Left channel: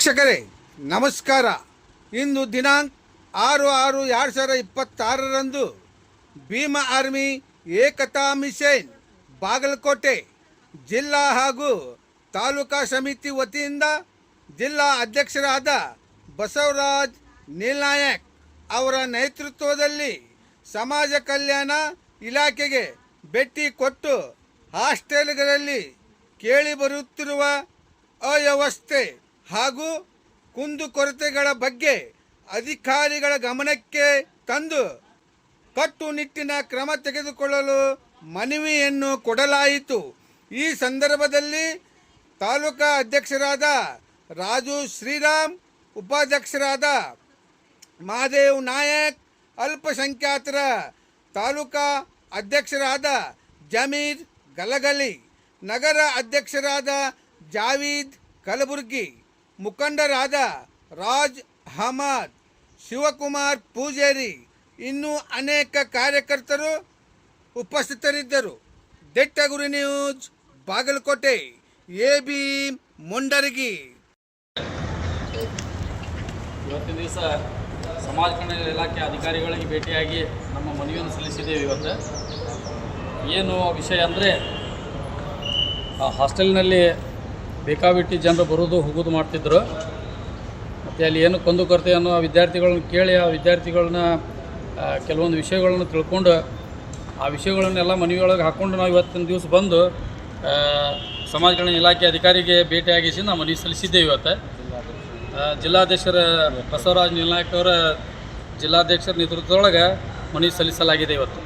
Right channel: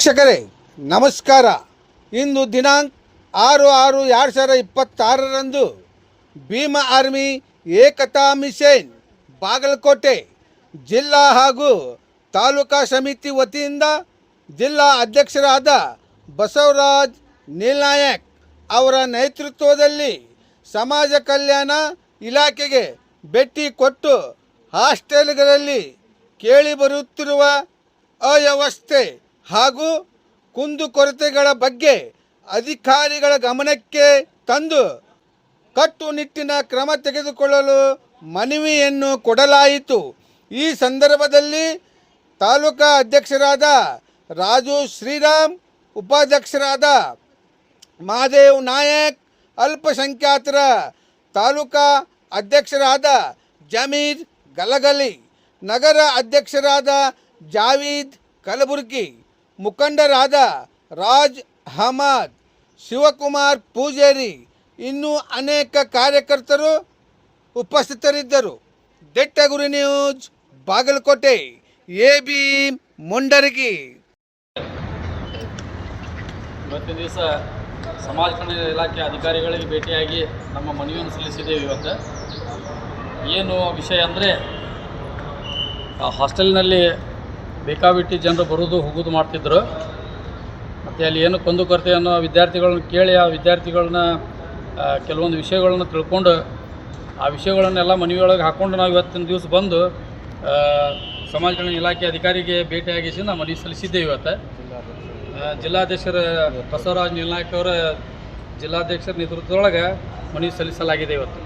ವೀಕ್ಷಕರೇ ನಮಸ್ಕಾರ. ಇಂದು ದಿನಾಂಕ 6/6/2026 ಭೀಮಾ ಆರ್ಮಿ ಏಕತಾ ಮಿಷನ್ ಬಾಗಲಕೋಟೆ ಜಿಲ್ಲಾ ಹಾಗೂ ತಾಲೂಕಾ ಸಮಿತಿ ವತಿಯಿಂದ ಜಿಲ್ಲಾ ಅಧ್ಯಕ್ಷರಾದ ಬಸವರಾಜ್ ನೀಲ್ನಾಯಕ್ ಅವರ ನೇತೃತ್ವದಲ್ಲಿ ಸಮಾಜ ಕಲ್ಯಾಣ ಇಲಾಖೆಗೆ ಭೇಟಿ ಕೊಟ್ಟು ಹಾಸ್ಟೆಲ್ಗಳಲ್ಲಿ ಕೇಳಿಬರುತ್ತಿರುವ ಅವ್ಯವಸ್ಥೆ ಹಾಗೂ ಕುಂದುಕೊರತೆಗಳ ಬಗ್ಗೆ ಅಧಿಕಾರಿಗಳ ಗಮನಕ್ಕೆ ತಂದು ಕಟ್ಟುನಿಟ್ಟಿನ ಕ್ರಮ ತೆಗೆದುಕೊಳ್ಳಲು ಮನವಿಯನ್ನು ಕೊಡಲಾಯಿತು. ಈ ಸಂದರ್ಭದಲ್ಲಿ ತಾಲೂಕಾ ಅಧ್ಯಕ್ಷರಾದ ರಾಜು ಶ್ರೀರಾಮ್, ಉಪಾಧ್ಯಕ್ಷರಾದ ಮಹಾದೇವ್ ನಾಯಕ್, ಅಲ್ಪಸಂಖ್ಯಾತರ ತಾಲೂಕಾ ಅಧ್ಯಕ್ಷರಾದ ಜಮೀರ್ ಗಲಗಲಿ, ನಗರ ಅಧ್ಯಕ್ಷರಾದ ಜಾವೀದ್ ಕಲಬುರ್ಗಿ, ಮುಖಂಡರಾದ ರಾಜ್ ಅಹಮದ್, ಶಿವಕುಮಾರ್ ಪೂಜಾರಿ, ಇನ್ನೂ ಅನೇಕ ಕಾರ್ಯಕರ್ತರು ಉಪಸ್ಥಿತರಿದ್ದರು. ದಿಟ್ಟಗುರಿ ನ್ಯೂಸ್ ಬಾಗಲಕೋಟೆ, ಎಬಿ ಮುಂಡರಗಿ. ಇವತ್ತಿನ ದಿವಸ ಸಮಾಜ ಕಲ್ಯಾಣ ಇಲಾಖೆ ಅಧಿಕಾರಿಗಳಿಗೆ ಭೇಟಿಯಾಗಿ ನಮ್ಮ ಮನವಿಯನ್ನು ಸಲ್ಲಿಸಿದ್ದೇವೆ. ಇವತ್ತು ಏನು ವಿಷಯ ಅಂದರೆ, ಹಾಸ್ಟೆಲ್ನಲ್ಲಿ ಬೇಕಾಬಿಟ್ಟಿ ಜನರು ಬರೋದು ಹೋಗೋದು ಮಾಡ್ತಿದ್ರು. ಮತ್ತು ಅಲ್ಲಿ ಏನು ಕುಂದುಕೊರತೆಯನ್ನು ವಿದ್ಯಾರ್ಥಿಗಳನ್ನ ಕೇಳಿ ಆ ವಿದ್ಯಾರ್ಥಿಗಳನ್ನ ಕೆಲವೊಂದು ವಿಷಯಗಳನ್ನ ತಿಳ್ಕೊಂಡು ಆ ವಿಷಯಗಳನ್ನೆಲ್ಲ ಮನವಿಯೊಳಗೆ ಹಾಕ್ಕೊಂಡು ನಾವು ಇವತ್ತಿನ ದಿವಸ ಬಂದು ಸಮಾಜ ಕಲ್ಯಾಣ ಇಲಾಖೆ ಅಧಿಕಾರಿಗೆ ಭೇಟಿಯಾಗಿಸಿ ನಾವು ಮನವಿ ಸಲ್ಲಿಸಿದ್ದೇವೆ. ಇವತ್ತು ಜಿಲ್ಲಾಧ್ಯಕ್ಷರ ಬಸವರಾಜ್ ನೀಲ್ನಾಯಕ್ ಅವರ ಜಿಲ್ಲಾಧ್ಯಕ್ಷರ ನೇತೃತ್ವದೊಳಗೆ ಮನವಿ ಸಲ್ಲಿಸಲಾಗಿದೆ. ಇವತ್ತು